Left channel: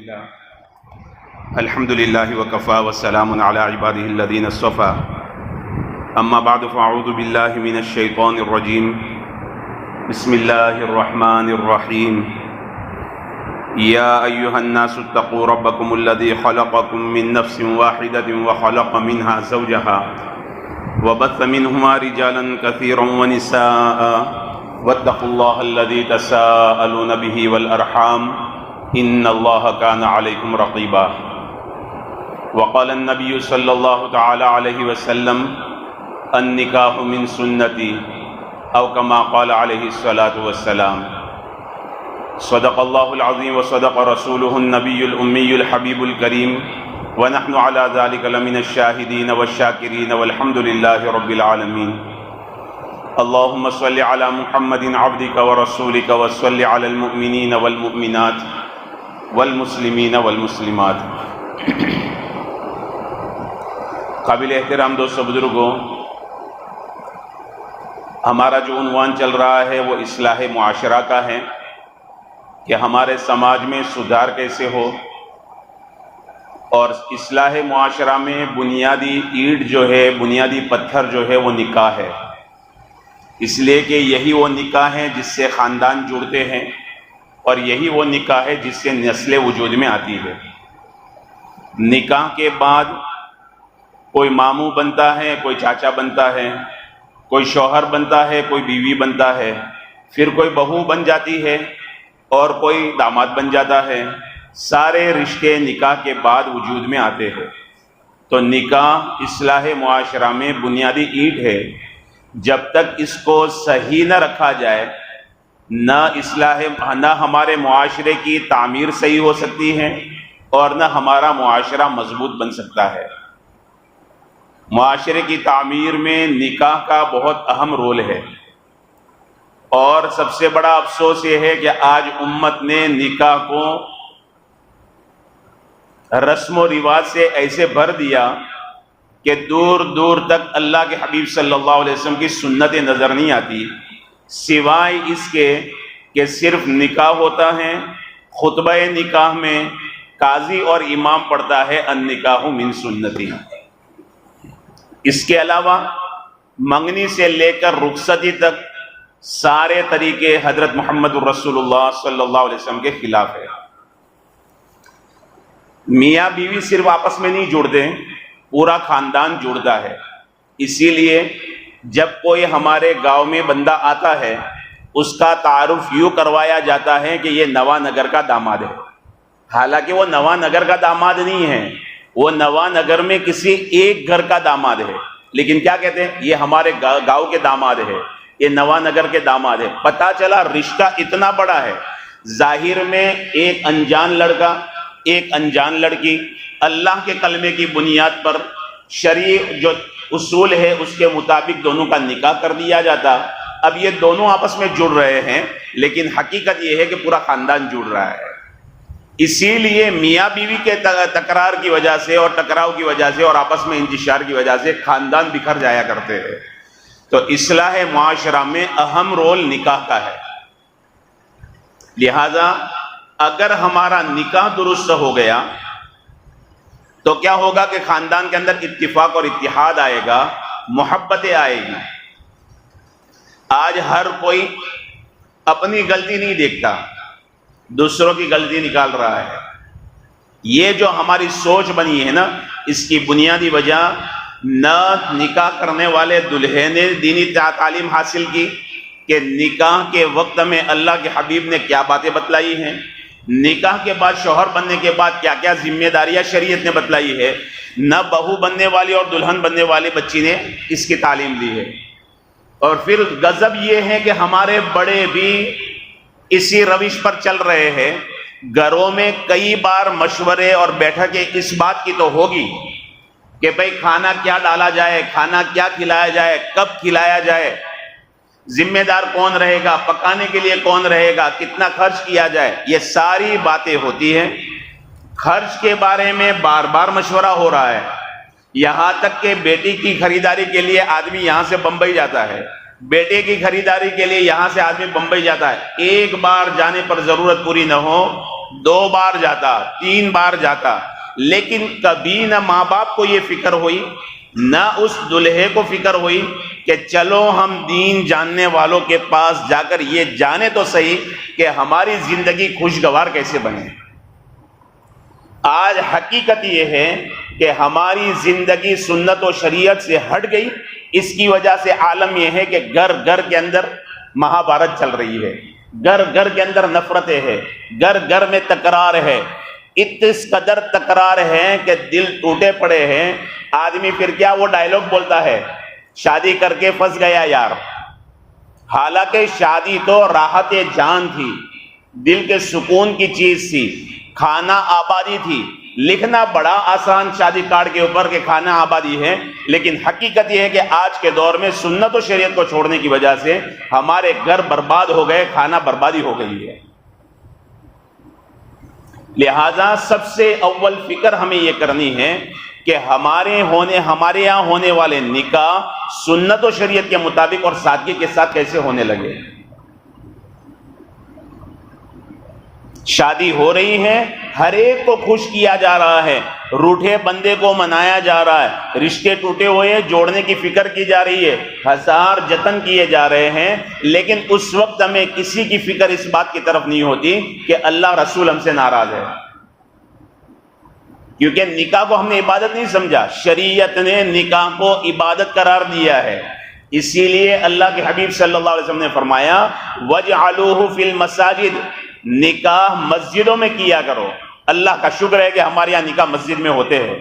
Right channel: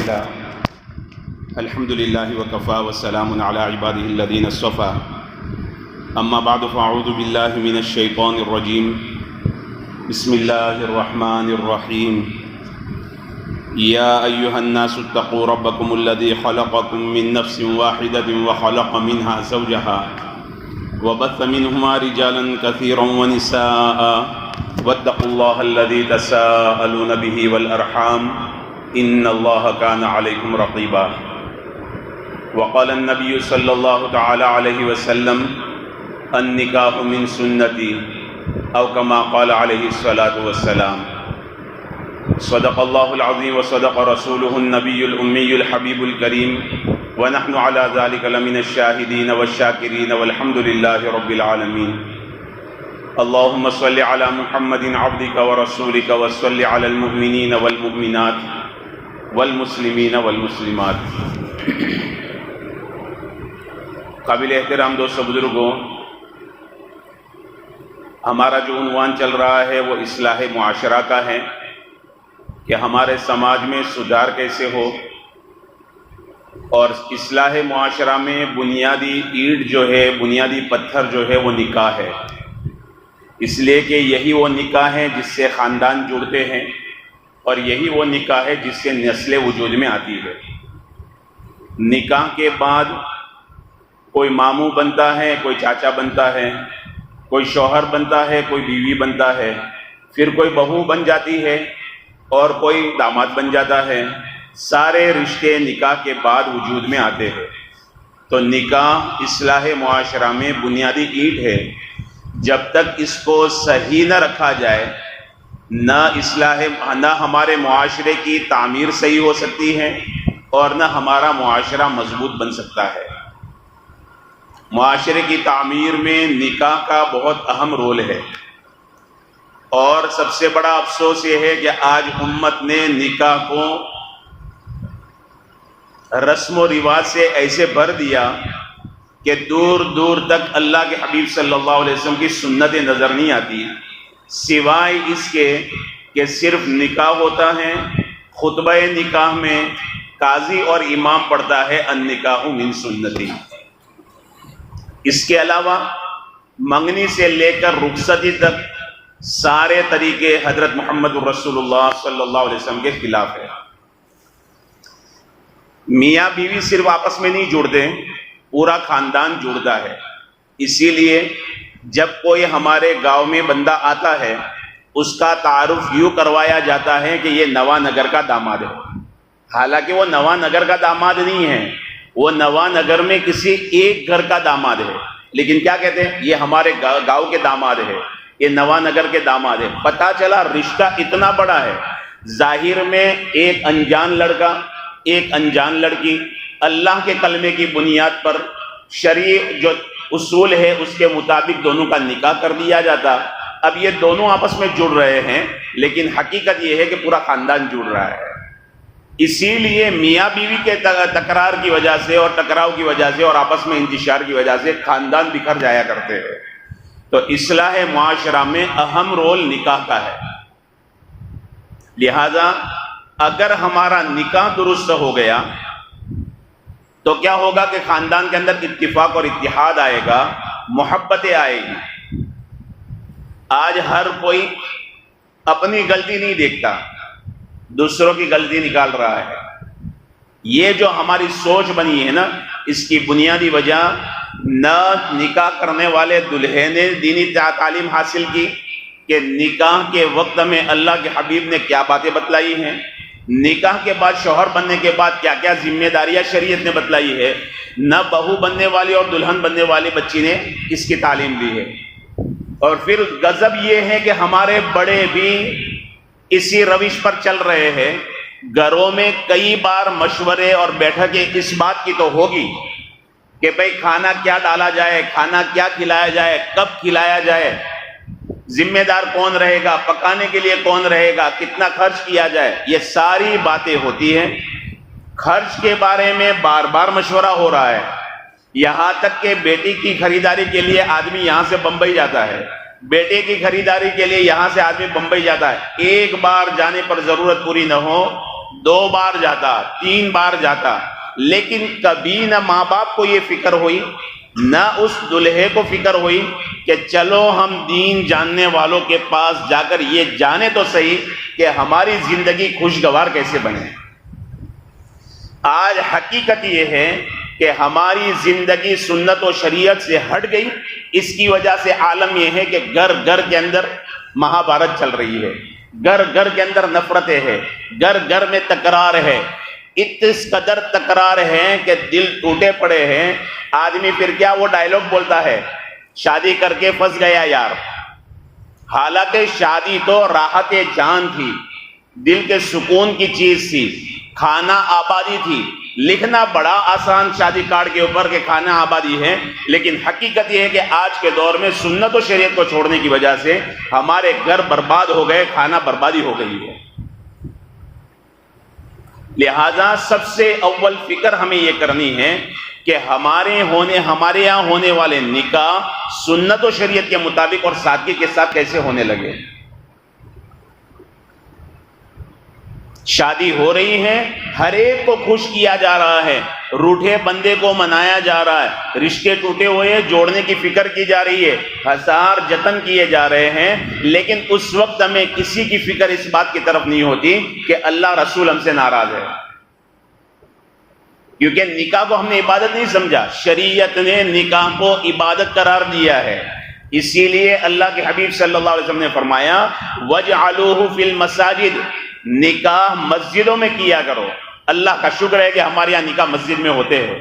لله الحمد لله وكفى والسلام على عباده الذين اصطفى أما بعد فأعوذ بالله من الشيطان الرجيم بسم الله الرحمن الرحيم يا أيها الناس اتقوا ربكم الذي خلقكم من نفس واحدة وخلق منها زوجها وبث منهما رجالا كثيرا ونساء واتقوا الله الذي تساءلون به والأرحام إن الله كان عليكم رقيبا وقال النبي صلى الله تعالى عليه وسلم النکاح من سنتی او کما قال علیہ الصلاۃ والسلام صدق اللہ العظیم وصدق رسولہ النبی الأمی الحبیب الکریم ونحن على ذلك لمن الشاہدین والشاکرین والحمد للہ رب العالمین اللہم صل علی محمد عبدک ورسولک وصل علی المؤمنین والمؤمنات والمسلمین والمسلمات۔ قابل احترام دوستو بزرگوں، ہمارا جو عنوان چل رہا ہے وہ اصلاح معاشرہ کا ہے کہ ہمارے سماج میں سدھار کیسے ہو، اور اصلاح معاشرہ میں بنیادی اینٹ جو ہے، بنیادی پتھر جو ہے وہ نکاح ہے، اس لیے کہ یہی وہ نکاح ہے جس سے خاندان جڑتے ہیں، اور یہی وہ نکاح ہے جس سے نسل وجود میں آتی ہے۔ نکاح کے بعد کوئی ماموں بنتا ہے، کوئی چاچا بنتا ہے، کوئی شوہر بنتا ہے، کوئی بیوی بنتا ہے، پھر کوئی بہو بن جاتی ہے اور کوئی داماد بن جاتا ہے۔ سارے رشتے نکاح کے بعد وجود میں آتے ہیں۔ تو نکاح اصلاح معاشرہ میں بنیادی اینٹ ہے۔ جب تک اس کو صحیح نہ رکھا جائے، نہ ہمارے معاشرے کی تعمیر صحیح ہو سکتی ہے اور نہ ہمارا معاشرہ مضبوط بن سکتا ہے۔ معاشرے کی تعمیر میں نکاح کا بہت اہم رول ہے، اور سب سے بڑا افسوس یہ ہے کہ آج امت نے نکاح کو رسم و رواج سے ایسے بھر دیا کہ دور دور تک اللہ کے حبیب صلی اللہ علیہ وسلم کی سنتیں نظر نہیں آتی، سوائے اس کے کہ صرف نکاح ہوتا ہے، خطبہ نکاح میں قاضی اور امام پڑھتا ہے النکاح من سنتی۔ اس کے علاوہ منگنی سے لے کر رخصتی تک سارے طریقے حضرت محمد رسول اللہ صلی اللہ علیہ وسلم کے خلاف ہے۔ میاں بیوی صرف آپس میں نہیں جڑتے، پورا خاندان جڑتا ہے۔ اسی لیے جب کوئی ہمارے گاؤں میں بندہ آتا ہے، اس کا تعارف یوں کروایا جاتا ہے کہ یہ نواں نگر کا داماد ہے، حالانکہ وہ نواں نگر کا داماد نہیں ہے، وہ نواں نگر میں کسی ایک گھر کا داماد ہے، لیکن کیا کہتے ہیں، یہ ہمارے گاؤں کے داماد ہے، یہ نواں نگر کے داماد ہے۔ پتہ چلا رشتہ اتنا بڑا ہے، ظاہر میں ایک انجان لڑکا، ایک انجان لڑکی، اللہ کے کلمے کی بنیاد پر شرعی جو اصول ہے اس کے مطابق دونوں کا نکاح کر دیا جاتا۔ اب یہ دونوں آپس میں جڑ رہے ہیں، لیکن حقیقت یہ ہے کہ پورا خاندان جڑ رہا ہے۔ اسی لیے میاں بیوی کے تکرار کی وجہ سے اور ٹکراؤ کی وجہ سے اور آپس میں انتشار کی وجہ سے خاندان بکھر جایا کرتے ہیں۔ تو اصلاح معاشرہ میں اہم رول نکاح کا ہے۔ لہذا اگر ہمارا نکاح درست ہو گیا تو کیا ہوگا کہ خاندان کے اندر اتفاق اور اتحاد آئے گا، محبتیں آئے گی۔ آج ہر کوئی اپنی غلطی نہیں دیکھتا، دوسروں کی غلطی نکال رہا ہے۔ یہ جو ہماری سوچ بنی ہے نا، اس کی بنیادی وجہ نہ نکاح کرنے والے دلہے نے دینی تعلیم حاصل کی کہ نکاح کے وقت میں اللہ کے حبیب نے کیا باتیں بتلائی ہیں، نکاح کے بعد شوہر بننے کے بعد کیا کیا ذمہ داریاں شریعت نے بتلائی ہے، نہ بہو بننے والی اور دلہن بننے والی بچی نے اس کی تعلیم لی ہے۔ اور پھر غضب یہ ہے کہ ہمارے بڑے بھی اسی روش پر چل رہے ہیں۔ گھروں میں کئی بار مشورے اور بیٹھکیں اس بات کی تو ہوگی کہ بھئی کھانا کیا ڈالا جائے، کھانا کیا کھلایا جائے، کب کھلایا جائے، ذمہ دار کون رہے گا، پکانے کے لیے کون رہے گا، کتنا خرچ کیا جائے، یہ ساری باتیں ہوتی ہیں۔ خرچ کے بارے میں بار بار مشورہ ہو رہا ہے، یہاں تک کہ بیٹی کی خریداری کے لیے آدمی یہاں سے بمبئی جاتا ہے، بیٹے کی خریداری کے لیے یہاں سے آدمی بمبئی جاتا ہے، ایک بار جانے پر ضرورت پوری نہ ہو 2 بار جاتا، 3 بار جاتا، لیکن کبھی نہ ماں باپ کو یہ فکر ہوئی، نہ اس دلہے کو فکر ہوئی کہ چلو ہم دین جاننے والوں کے پاس جا کر یہ جانے تو صحیح کہ ہماری زندگی خوشگوار کیسے بنے۔ آج حقیقت یہ ہے کہ ہماری زندگی سنت و شریعت سے ہٹ گئی۔ اس کی وجہ سے عالم یہ ہے کہ گھر گھر کے اندر مہابھارت چل رہی ہے، گھر گھر کے اندر نفرتیں ہیں، گھر گھر میں تکرار ہے، اس قدر تکرار ہے کہ دل ٹوٹے پڑے ہیں۔ آدمی پھر کیا وہ ڈائیلاگ بولتا ہے، شادی کر کے پھنس گیا یار، حالانکہ شادی تو راحت جان تھی، دل کے سکون کی چیز تھی، کھانا آبادی تھی۔ لکھنا بڑا آسان شادی کارڈ کے اوپر کہ کھانا آبادی ہے، لیکن حقیقت یہ ہے کہ آج کے دور میں سنت و شریعت کو چھوڑنے کی وجہ سے ہمارے گھر برباد ہو گئے، کھانا بربادی ہو گئی ہے۔ لہذا سب سے اول فکر ہمیں یہ کرنی ہے کہ ہمارے یہاں ہونے والے نکاح سنت و شریعت کے مطابق اور سادگی کے ساتھ کیسے ہونے لگے۔ شادی ہو رہی ہے، ہر ایک کو خوش کیا جا رہا ہے، روٹھے بندے کو منایا جا رہا ہے، رشتے ٹوٹے ہوئے جوڑنے کی فکر کی جا رہی ہے، ہزار جتن کیے جا رہے ہیں، لیکن اس وقت ہمیں کسی کی فکر اس بات کی طرف نہیں ہوتی کہ اللہ رسول ہم سے ناراض ہے، کیونکہ نکاح کو ہم نے عبادت نہیں سمجھا، شریعت نے نکاح کو عبادت قرار دیا ہے۔ اسی لیے اللہ کے حبیب صلی اللہ علیہ وسلم نے فرمایا وَجْعَلُوهُ فِي الْمَسَاجِدِ، نکاح مسجدوں میں کیا کرو۔ اللہ کا شکر ہے کہ ہمارے یہاں نکاح مسجد میں ہوتے ہیں،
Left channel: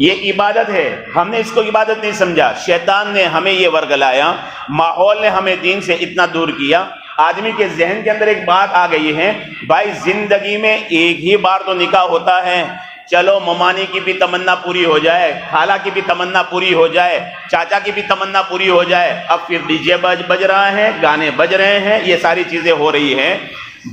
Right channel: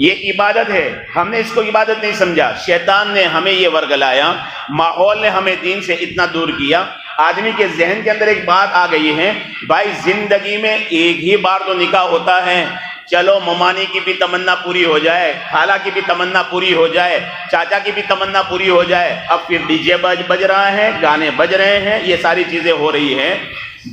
یہ عبادت ہے، ہم نے اس کو عبادت نہیں سمجھا، شیطان نے ہمیں یہ ورگلایا، ماحول نے ہمیں دین سے اتنا دور کیا۔ آدمی کے ذہن کے اندر ایک بات آ گئی ہے، بھائی زندگی میں ایک ہی بار تو نکاح ہوتا ہے، چلو ممانی کی بھی تمنا پوری ہو جائے، خالہ کی بھی تمنا پوری ہو جائے، چاچا کی بھی تمنا پوری ہو جائے، اب پھر ڈی جے بج رہا ہے، گانے بج رہے ہیں، یہ ساری چیزیں ہو رہی ہیں۔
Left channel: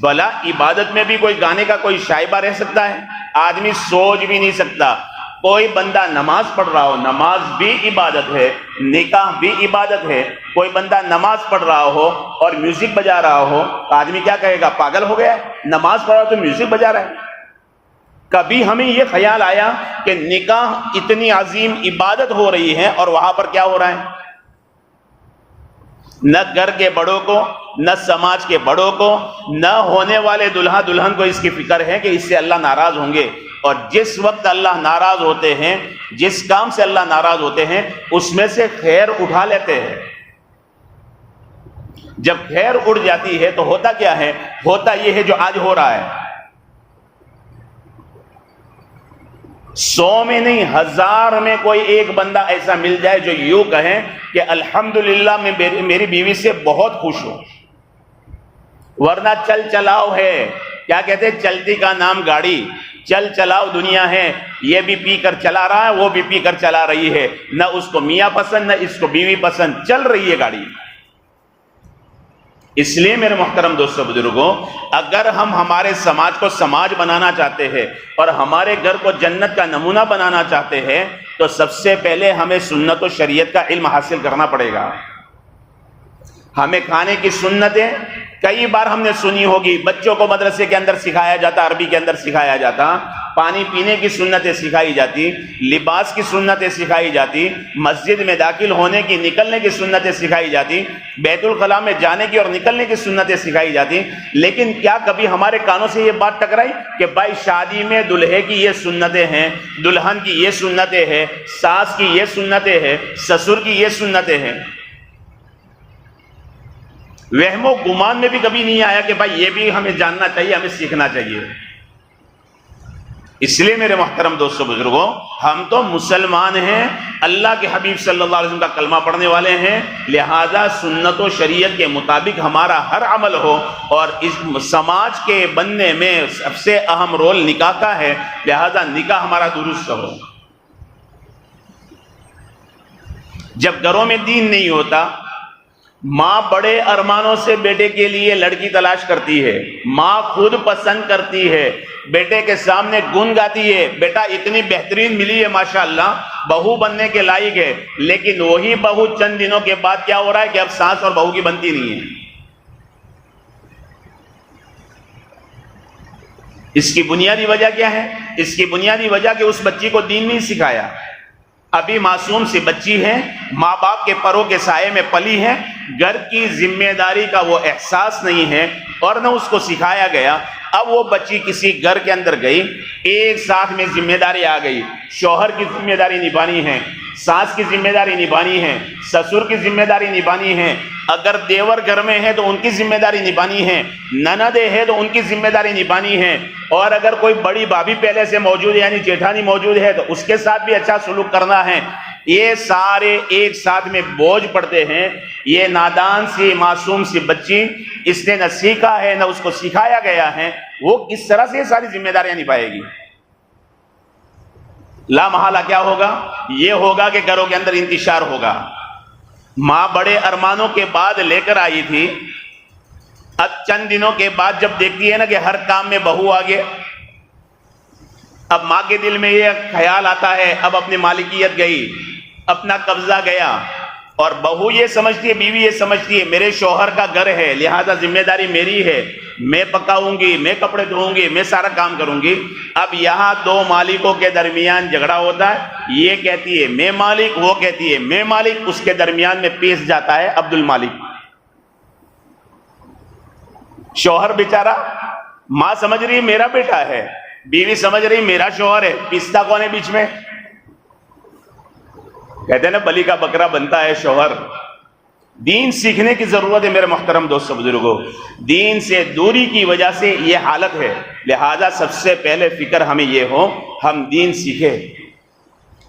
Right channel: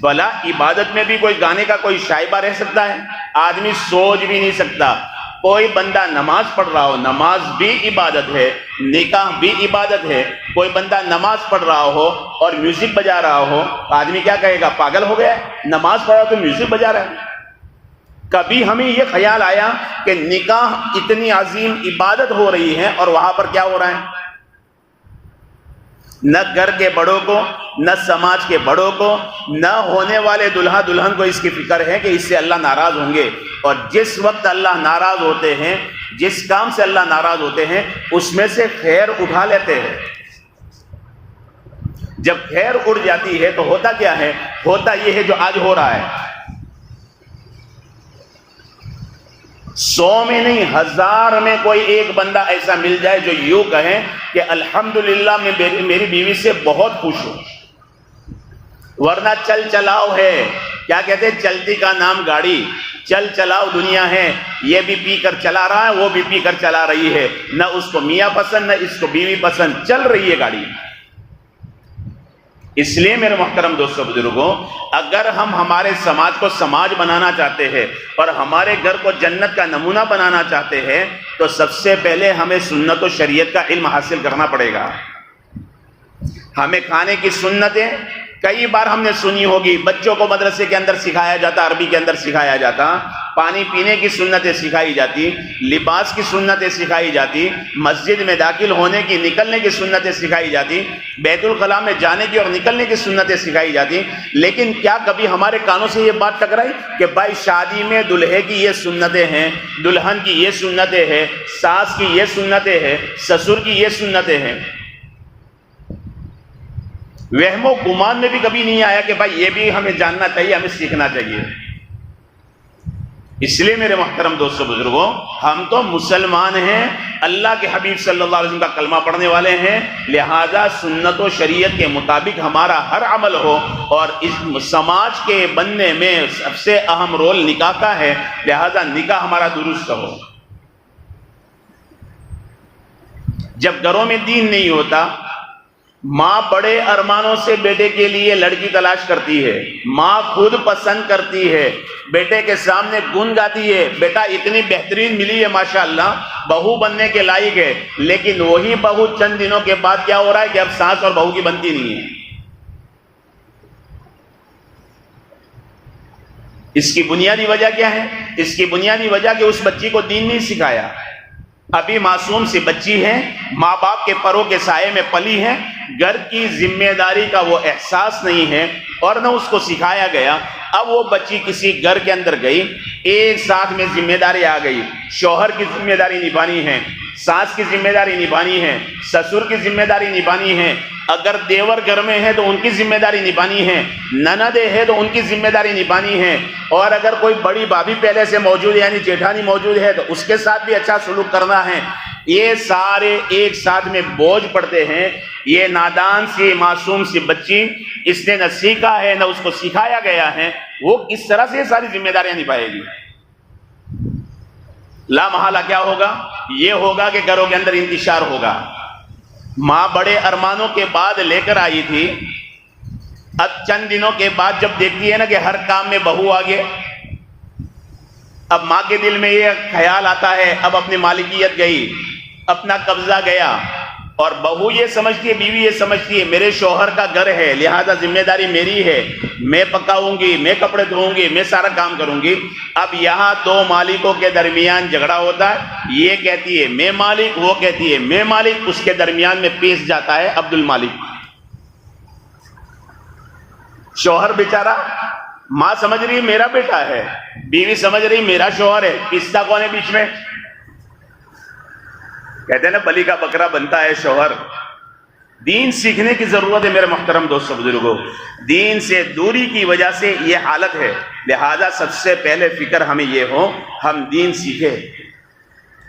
بھلا عبادت میں بھی کوئی گانے کا کوئی شائبہ رہ سکتا ہے؟ آدمی سوچ بھی نہیں سکتا۔ کوئی بندہ نماز پڑھ رہا ہو، نماز بھی عبادت ہے، نکاح بھی عبادت ہے۔ کوئی بندہ نماز پڑھ رہا ہو اور میوزک بجا رہا ہو، آدمی کیا کہے گا، پاگل ہو گیا ہے، نماز پڑھ رہا تو میوزک بجا رہا ہے۔ کبھی ہمیں یہ خیال آیا کہ نکاح اتنی عظیم عبادت ہو رہی ہے اور وہاں پر کیا ہو رہا ہے؟ نہ گھر کے بڑوں کو، نہ سماج کے بڑوں کو، نہ ہونے والے دلہا دلہن کو اس کی فکر ہے کہ اس سے اللہ ناراض ہوں گے۔ اور جس وقت اللہ ناراض ہوتے ہیں، جس کام سے اللہ ناراض ہوتے ہیں، اس میں سے خیر اٹھا لیتے ہیں۔ جب خیر اڑ جاتی ہے تو ہوتا کیا ہے؟ ہوتا یہ ہے جو آج ہو رہا ہے۔ 100 میں نہیں، 1000 میں کوئی ایک بندہ ایسا مل جائے جو یوں کہے کہ الحمدللہ میں میری بیوی سے بہت خوش ہوں، ورنہ چل چلاؤ ہے، کیا کہتے ہیں، چلتی کا نام گاڑی، چل چلاؤ دنیا ہے، یہ بھی پی کر چلا رہا ہے، وہ بھی پی کر چلا رہی ہے، نہ اس کو میاں پسند نہ اس کو بیوی پسند، چل رہی ہے گاڑی۔ اس لیے میرے محترم دوستو بزرگوں، اگر ہم ہمارے سماج کو سماج بنانا چاہتے ہیں اور ہمارے گھر کو جنت کا نمونہ بنانا چاہتے ہیں تو سب سے پہلے ہمیں سنت و شریعت کا علم حاصل کرنا پڑے گا۔ ہمیں کھانے کی سنتیں کئی بار ہم نے سنی ہوگی، بچوں کو مدرسے کے اندر سکھایا جاتا، عربی کے اندر سکھایا جاتا، پانی پینے کی سنتیں سکھائی جاتی، لباس کی سنتیں سکھائی جاتی، مسجد میں داخل ہونے کی نکلنے کی سنتیں سکھائی جاتی، بیت الخلاء میں جانے کی اور نکلنے کی سنتیں سکھائی جاتی، لیکن کیا کبھی ہمارے کانوں سے یہ بات ٹکرائی کہ بھائی شادی میں دلہے کی یہ سنتیں ہیں، دلہن کی یہ سنتیں ہیں، ساس کی یہ سنتیں ہیں، سسر کی یہ سنتیں ہیں؟ وہم و گمان میں بھی کبھی نہیں آیا کہ بھائی یہ بھی ہمیں جاننا چاہیے، ہمیں سیکھنا چاہیے۔ اس لیے میرے محترم دوستو بزرگوں، ہم تو مسلمان ہیں، اللہ کے حبیب صلی اللہ علیہ وسلم کا کلمہ پڑھنے والے ہیں، لہذا سنت و شریعت کے مطابق ہمارا ہر عمل ہو، اور اس سماج کے بننے میں سب سے اہم رول نکاح کا ہے، لہذا نکاح ہمارا درست ہو۔ جب گھروں میں دین نہیں ہوتا، ماں بڑے ارمانوں سے بیٹے کے لیے لڑکی تلاش کرتی ہے، ماں خود پسند کرتی ہے، بیٹے کے سامنے گن گاتی ہے، بیٹا اتنی بہترین ملی ہے ماشاءاللہ، بہو بننے کے لائق ہے، لیکن وہی بہو چند دنوں کے بعد کیا ہو رہا ہے کہ اب ساس اور بہو کی بنتی نہیں ہے۔ اس کی بنیادی وجہ کیا ہے؟ اس کی بنیادی وجہ کہ اس بچی کو دین نہیں سکھایا. ابھی معصوم سی بچی ہے، ماں باپ کے پروں کے سائے میں پلی ہے، گھر کی ذمہ داری کا وہ احساس نہیں ہے اور نہ اس کو سکھایا گیا. اب وہ بچی کسی گھر کے اندر گئی، ایک ساتھ میں ذمہ داری آ گئی. شوہر کی ذمہ داری نبھانی ہے، ساس کی ذمہ داری نبھانی ہے، سسر کی ذمہ داری نبھانی ہے، اگر دیور گھر میں ہے تو ان کی ذمہ داری نبھانی ہے، نند ہے تو ان کی ذمہ داری نبھانی ہے، اور اگر کوئی بڑی بھابھی پہلے سے موجود ہے یعنی جیٹھانی موجود ہے تو اس کے ساتھ بھی اچھا سلوک کرنا ہے. یہ سارے ایک ساتھ میں بوجھ پڑتے ہیں. یہ نادان سی معصوم سی بچی، اس نے نہ سیکھا ہے نہ اس کو سکھایا گیا ہے، وہ کس طرح سے ساری ذمہ داریاں نبھائے گی؟ لا محالہ کیا ہوگا؟ یہ ہوگا کہ گھروں کے اندر انتشار ہوگا. ماں بڑے ارمانوں کے بعد لے کر آئی تھی، اب چند دنوں کے بعد جب دیکھتی ہے نا کہ ہر کام میں بہو آگے، اب ماں کے دل میں یہ خیال آتا ہے اب اپنی مالکیت گئی، اپنا قبضہ گیا، اور بہو یہ سمجھتی ہے، بیوی یہ سمجھتی ہے میرے شوہر کا گھر ہے لہذا ذمہ داری میری ہے، میں پکاؤں گی، میں کپڑے دھوؤں گی، میں سارا کام کروں گی. اب یہاں دو مالکوں کے درمیان جھگڑا ہوتا ہے، یہ کہتی ہے میں مالک، وہ کہتی ہے میں مالک، اس کے درمیان میں پیش جاتا ہے عبد المالک. شوہر بیچارہ، ماں سمجھ رہی میرا بیٹا ہے، بیوی سمجھ رہی میرا شوہر ہے، پستا کون ہے بیچ میں؟ کہتے ہیں نا بلی کا بکرا بنتا ہے شوہر. دین سیکھنے کی ضرورت ہے میرے محترم دوستو بزرگوں. دین سے دوری کی وجہ سے یہ حالت ہے، لہذا سب سے پہلے فکر ہمیں یہ ہو ہم دین سیکھیں.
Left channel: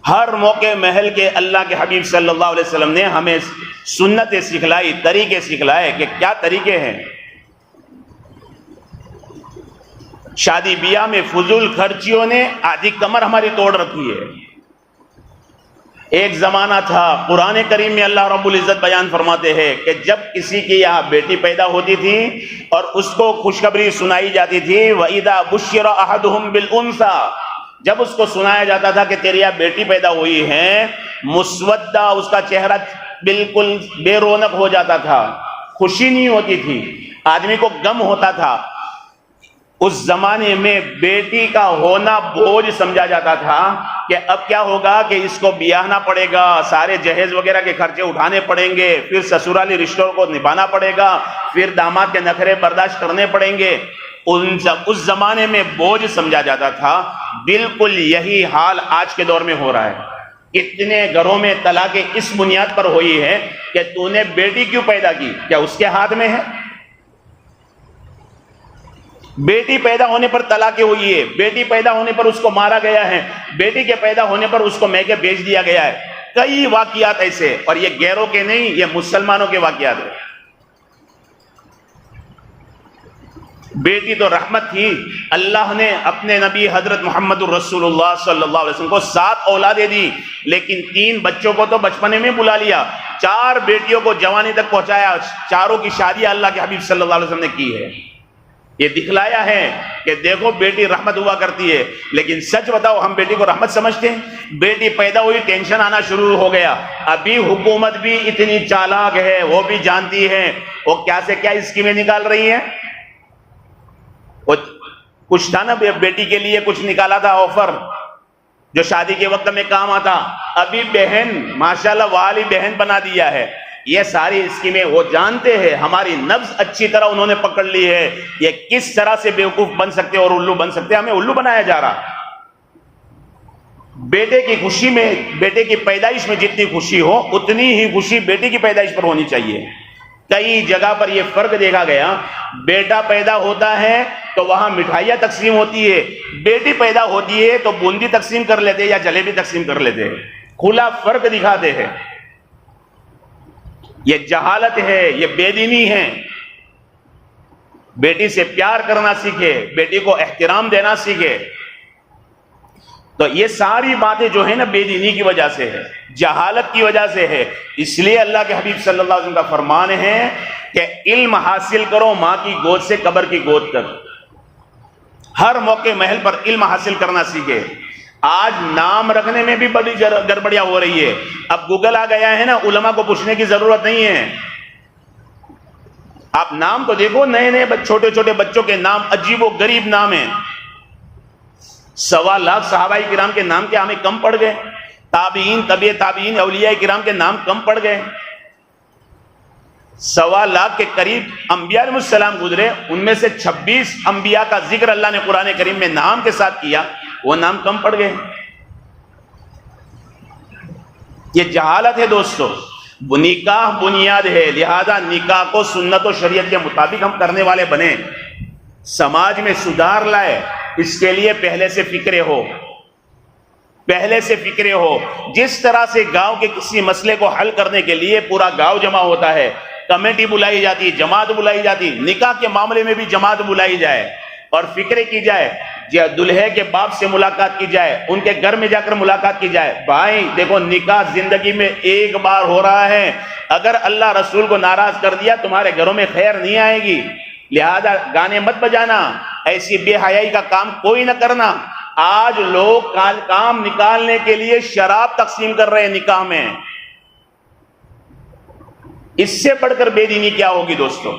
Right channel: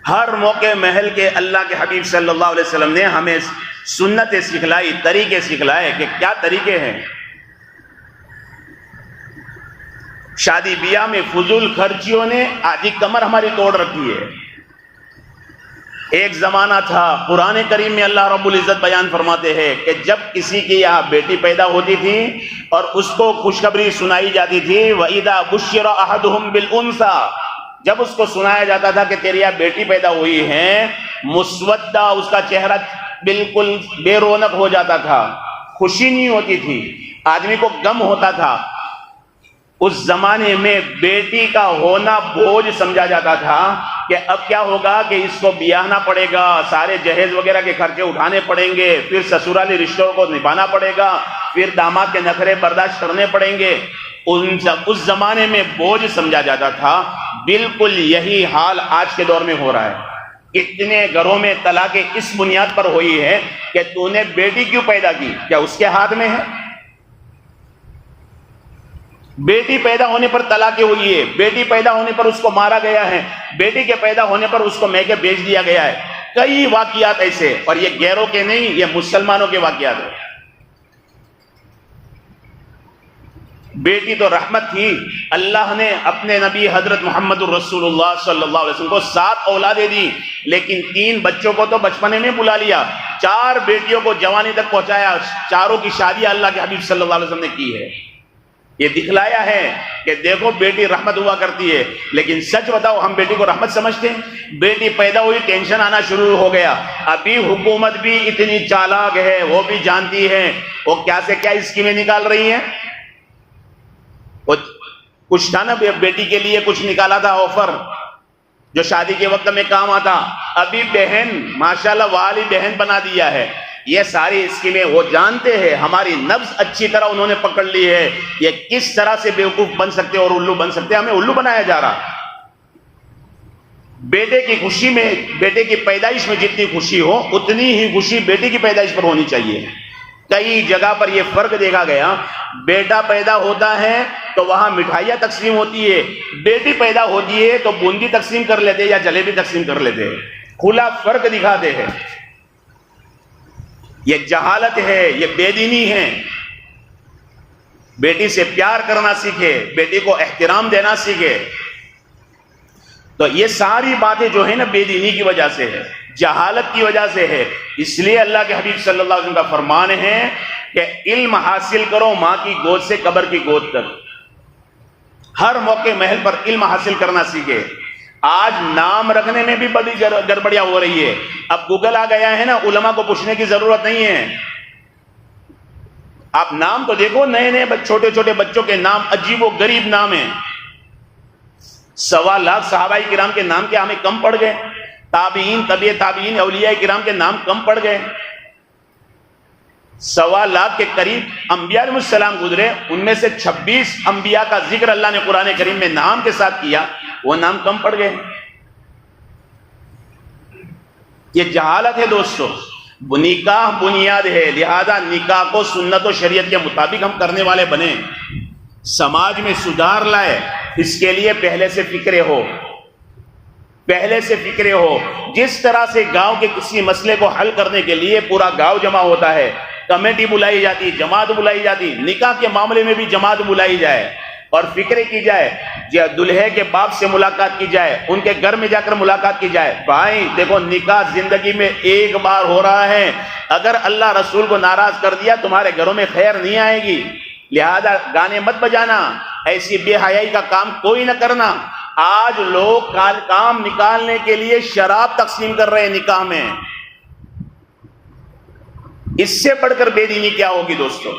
ہر موقع محل کے اللہ کے حبیب صلی اللہ علیہ وسلم نے ہمیں سنتیں سکھلائی، طریقے سکھلائے کہ کیا طریقے ہیں. شادی بیاہ میں فضول خرچیوں نے آدھی کمر ہماری توڑ رکھی ہے. ایک زمانہ تھا، قرآن کریم میں اللہ رب العزت بیان فرماتے ہیں کہ جب کسی کی یہاں بیٹی پیدا ہوتی تھی اور اس کو خوشخبری سنائی جاتی تھی، وَإِذَا بُشِّرَ أَحَدُهُمْ بِالْأُنْثَىٰ، جب اس کو سنایا جاتا تھا کہ تیری یہاں بیٹی پیدا ہوئی ہے، مسودہ، اس کا چہرہ بالکل بے رونق ہو جاتا تھا، خوشی نہیں ہوتی تھی، آدمی کو غم ہوتا تھا. اس زمانے میں بیٹی کا ہونا بوجھ سمجھا جاتا تھا کہ اب کیا ہوگا کہ اس کو بیاہنا پڑے گا، سارے جہیز وغیرہ کے خرچے اٹھانے پڑیں گے، پھر سسرالی رشتوں کو نبھانا پڑے گا، پھر داماد کے نخرے برداشت کرنے پڑیں گے. اس زمانے میں بوجھ سمجھا جاتا تھا. بالکل یہی حال آج کے دور میں ہو رہا ہے. اتنے گھروں میں طلاقیں اس بنیاد پر ہوئی ہے کہ تو نے بیٹی کیوں پیدا کی، کیا اس کے ہاتھ میں ہے؟ بیٹی پیدا ہونے پر طلاقیں ہوئی ہے، بیٹی پیدا ہونے پر اس کو مارا گیا ہے، بیٹی کے پیدا ہونے پر اس کو میکے بیچ دیا گیا ہے. کئی واقعات ایسے، اور یہ غیروں کے نہیں، یہ مسلمانوں کے واقعات ہیں. بیٹی تو رحمت تھی. اللہ نے اپنے نبی حضرت محمد الرسول اللہ صلی اللہ علیہ وسلم کو 7 اولادیں دی، لیکن 3 بچوں کو تو بچپنے میں بلا لیا، 4 بیٹیوں کو جوانی تک پہنچایا، چاروں کی شادی اللہ کے حبیب صلی اللہ علیہ وسلم نے کی ہے. یہ دکھلایا ہے کہ دیکھو بیٹی رحمت ہوا کرتی ہے. لیکن سچ بتاؤ ہم بیٹی کو رحمت سمجھتے ہیں؟ بیٹی پیدا ہوئی ٹینشن آنا شروع ہو گیا. ابھی حکومت بھی اتنی چالاک ہے، وہ بھی جانتی ہے وہ کیا سے کیا اسکیمیں نکال رہی ہیں. کچھ تھا نا بیٹی کے لیے کچھ نکالا تھا آفر جو شادی کے وقت میں کام آتا، ابھی بہن ماشاءاللہ والی بہن بنا دیا ہے. یہ ساری اسکیمیں وہ جانتے ہیں، ہماری نبض اچھی طرح انہوں نے پکڑ لی ہے. یہ کس طرح سے بیوقوف بن سکتے اور الو بن سکتے، ہمیں الو بنایا جا رہا. بیٹے کی خوشی میں، بیٹے کی پیدائش میں جتنی خوشی ہو اتنی ہی خوشی بیٹی کی پیدائش پر ہونی چاہیے. کئی جگہ پر یہ فرق دیکھا گیا، بیٹا پیدا ہوتا ہے تو وہاں مٹھائیاں تقسیم ہوتی ہے، بیٹی پیدا ہوتی ہے تو بوندی تقسیم کر لیتے یا جلیبی تقسیم کر لیتے. کھلا فرق دکھاتے ہیں. یہ جہالت ہے، یہ بے دینی ہے. بیٹی سے پیار کرنا سیکھے، بیٹی کو احترام دینا سیکھے. تو یہ ساری باتیں جو ہے نا بے دینی کی وجہ سے ہے، جہالت کی وجہ سے ہے. اس لیے اللہ کے حبیب صلی اللہ علیہ وسلم کا فرمان ہے کہ علم حاصل کرو ماں کی گود سے قبر کی گود تک. ہر موقع محل پر علم حاصل کرنا سیکھے. آج نام رکھنے میں بھی بڑی گڑبڑیاں ہو رہی ہے. اب گوگل آ گیا ہے نا، علماء کو پوچھنے کی ضرورت نہیں ہے. آپ نام تو دیکھو، نئے نئے چھوٹے چھوٹے بچوں کے نام عجیب و غریب نام ہیں. سوا لاکھ صحابہ کرام کے نام کے ہمیں کم پڑ گئے، تابعین، طبع تابعین، اولیاء کرام کے نام کم پڑ گئے، سوا لاکھ کے قریب انبیاء علیہ السلام گزرے، ان میں سے 26 انبیاء کا ذکر اللہ نے قرآن کریم میں نام کے ساتھ کیا، وہ نام کم پڑ گئے۔ یہ جہالت ہے دوستو، نکاح بنیاد ہے، لہذا نکاح کو سنت و شریعت کے مطابق ہم کرنے والے بنے، سماج میں سدھار لائے، اس کے لیے پہلے سے فکرے ہو، پہلے سے فکرے ہو۔ جس طرح سے گاؤں کے کسی مسئلے کو حل کرنے کے لیے پورا گاؤں جمع ہوتا ہے، کمیٹی بلائی جاتی، جماعت بلائی جاتی، نکاح کے معاملے میں بھی جماعت بلائی جائے اور فکرے کی جائے، دلہے کے باپ سے ملاقات کی جائے، ان کے گھر میں جا کر ملاقات کی جائے۔ بھائی دیکھو، نکاح زندگی میں ایک بار ہو رہا ہے، اگر اللہ رسول کو ناراض کر دیا تمہارے گھروں میں خیر نہیں آئے گی، لہذا گانے مت بجانا، ایسی بے حیائی کا کام کوئی نہ کرنا۔ آج لوگ کام نکالنے کے لیے شراب تقسیم کر رہے ہیں نکاح میں، اس سے بڑھ کر بے دینی کیا ہوگی دوستو؟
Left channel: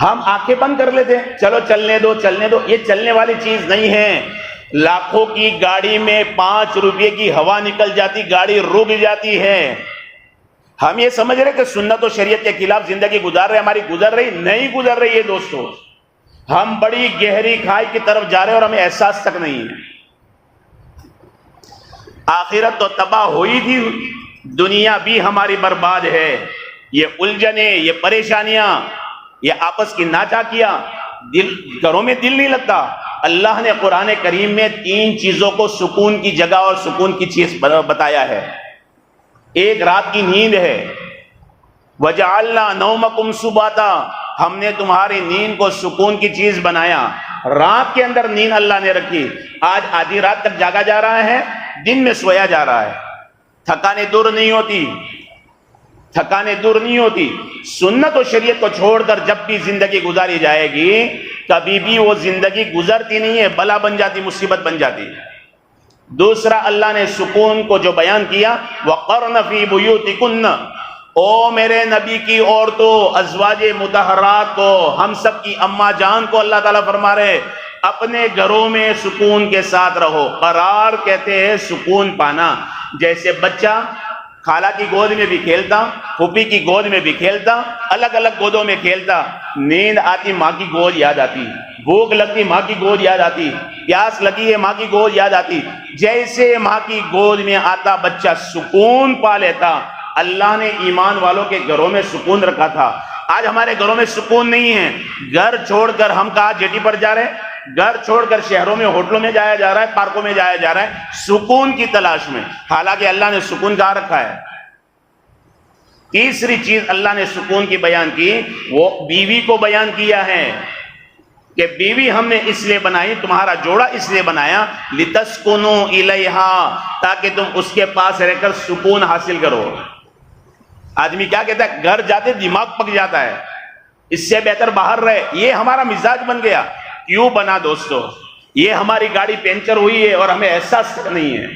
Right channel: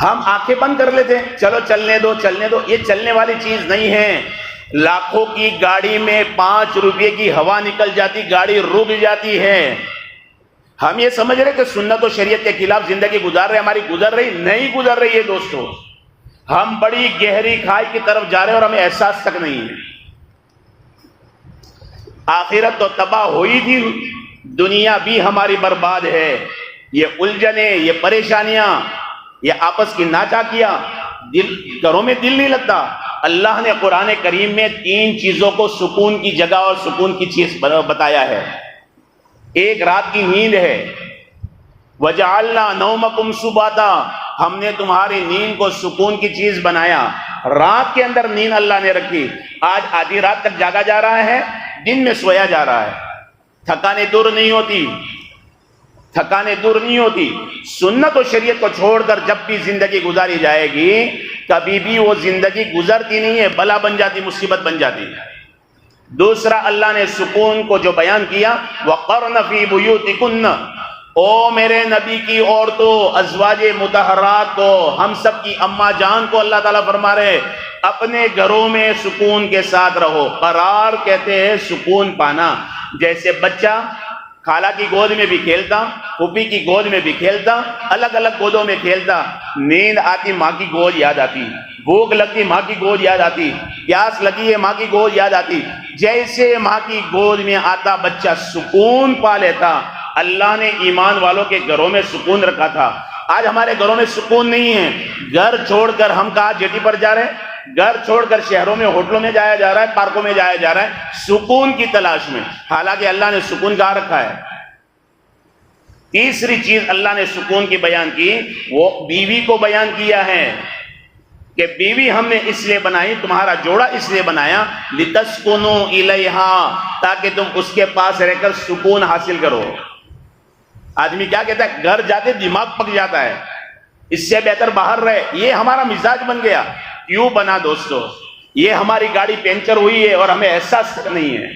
ہم آنکھیں بند کر لیتے ہیں، چلو چلنے دو چلنے دو، یہ چلنے والی چیز نہیں ہے۔ لاکھوں کی گاڑی میں 5 روپے کی ہوا نکل جاتی، گاڑی رک جاتی ہے۔ ہم یہ سمجھ رہے کہ سنت و شریعت کے خلاف زندگی گزار رہے، ہماری گزر رہی نہیں، گزر رہی ہے دوستو۔ ہم بڑی گہری کھائی کی طرف جا رہے اور ہمیں احساس تک نہیں ہے۔ آخرت تو تباہ ہوئی تھی، دنیا بھی ہماری برباد ہے۔ یہ الجھنیں، یہ پریشانیاں، یہ آپس کی ناچاکیاں، گھروں میں دل نہیں لگتا۔ اللہ نے قرآن کریم میں 3 چیزوں کو سکون کی جگہ اور سکون کی چیز بتایا ہے۔ ایک رات کی نیند ہے، وَجَعَلْنَا نَوْمَكُمْ سُبَاتًا، ہم نے تمہاری نیند کو سکون کی چیز بنایا۔ رات کے اندر نیند اللہ نے رکھی۔ آج آدھی رات تک جاگا جا رہا ہے، دن میں سویا جا رہا ہے، تھکانیں دور نہیں ہوتی، تھکانیں دور نہیں ہوتی۔ سنت و شریعت کو چھوڑ کر جب بھی زندگی گزاری جائے گی، کبھی بھی وہ زندگی گزرتی نہیں ہے، بلا بن جاتی، مصیبت بن جاتی۔ دوسرا، اللہ نے سکون کو جو بیان کیا، وَقَرْنَ فِي بُيُوتِكُنَّ، او میرے نبی کی عورتوں، ازواج مطہرات کو، ہم سب کی اماں جان کو اللہ تعالیٰ فرما رہے اپنے گھروں میں سکون کے ساتھ رہو۔ قرار کہتے ہیں سکون پانا، جیسے بچہ خالہ کی گود میں بھی کھیلتا، پھوپھی کی گود میں بھی کھیلتا، الگ الگ گودوں میں کھیلتا، نیند آتی ماں کی گود یاد آتی، بھوک لگتی ماں کی گود یاد آتی، پیاس لگی ہے ماں کی گود یاد آتی۔ جیسے ماں کی گود میں آتا بچہ سکون پا لیتا، اللہ نے ایمان والوں کے گھروں میں سکون رکھا تھا۔ آج ہمارے گھروں میں سکون نہیں ہے، گھر چھوڑ کر ہم کہاں جیٹی پر جا رہے ہیں، گھر چھوڑ کر شہروں میں ہوٹلوں میں جایا جا رہا ہے، پارکوں میں جایا جا رہا ہے سکون کی تلاش میں، حالانکہ اللہ نے سکون کہاں رکھا ہے۔ تیسری چیز اللہ نے سکون کی بیان کی، وہ بیوی کو بیان کیا ہے کہ بیوی ہم نے اس لیے بنائی، تمہارا جوڑا اس لیے بنایا، لِتَسْكُنُوا إِلَيْهَا، تاکہ تم اس کے پاس رہ کر سکون حاصل کرو۔ آدمی کیا کہتا ہے، گھر جاتے دماغ پک جاتا ہے، اس سے بہتر باہر رہے۔ یہ ہمارا مزاج بن گیا۔ کیوں بنا دوستو؟ یہ ہماری گاڑی پنچر ہوئی ہے اور ہمیں احساس نہیں ہے۔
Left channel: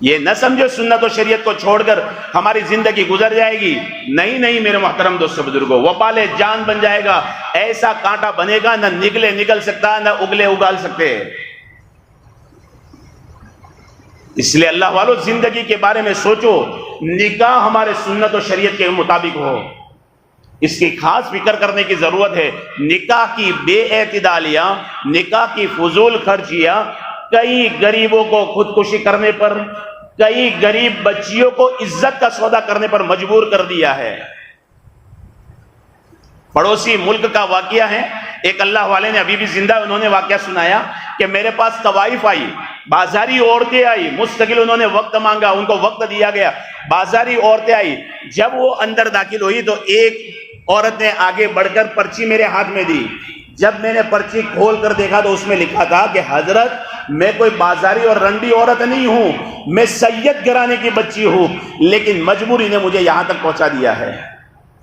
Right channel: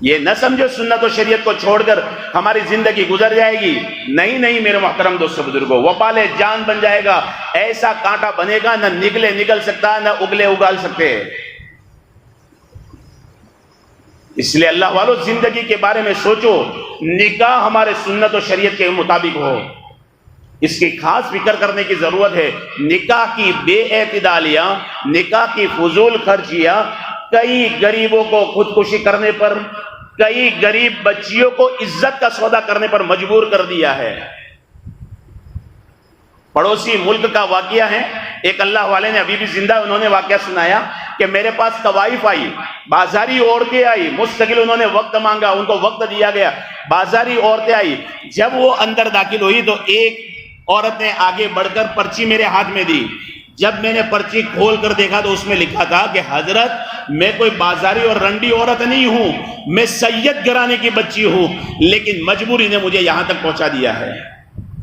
یہ نہ سمجھو سنت و شریعت کو چھوڑ کر ہماری زندگی گزر جائے گی، نہیں نہیں میرے محترم دوستو بزرگوں، وبال جان بن جائے گا، ایسا کانٹا بنے گا نہ نکل سکتا نہ اگلے اگال سکتے۔ اس لیے اللہ والو زندگی کے بارے میں سوچو، نکاح ہمارے سنت و شریعت کے مطابق ہو، اس کی خاص فکر کرنے کی ضرورت ہے۔ نکاح کی بے اعتدالیاں، نکاح کی فضول خرچیاں کئی غریبوں کو خودکشی کرنے پر، کئی غریب بچیوں کو عزت کا سودا کرنے پر مجبور کر دیا ہے۔ پڑوسی ملک کا واقعہ ہے، ایک اللہ والے نے ابھی بھی زندہ، انہوں نے واقعہ سنایا کہ میرے پاس طوائف آئی، بازاری عورتیں آئی، مستقل انہوں نے وقت مانگا، ان کو وقت دیا گیا، بازاری عورتیں آئی۔ جب وہ اندر داخل ہوئی تو ایک عورت نے آگے بڑھ کر پرچی میرے ہاتھ میں دی۔ جب میں نے پرچی کھول کر دیکھا تو اس میں لکھا تھا کہ حضرت میں کوئی بازاری اور رنڈی عورت نہیں ہوں، میں سید گھرانے کی بچی ہوں، لیکن مجبوری نے مجھے یہاں تک پہنچا دیا ہے۔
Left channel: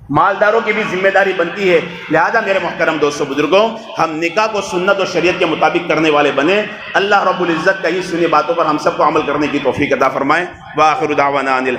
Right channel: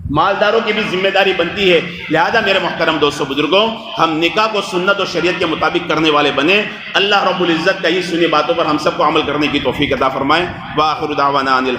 مالداروں کی بھی ذمہ داری بنتی ہے، لہذا میرے محترم دوستو بزرگوں، ہم نکاح کو سنت و شریعت کے مطابق کرنے والے بنے۔ اللہ رب العزت کہی سنی باتوں پر ہم سب کو عمل کرنے کی توفیق عطا فرمائے۔ وآخر دعوانا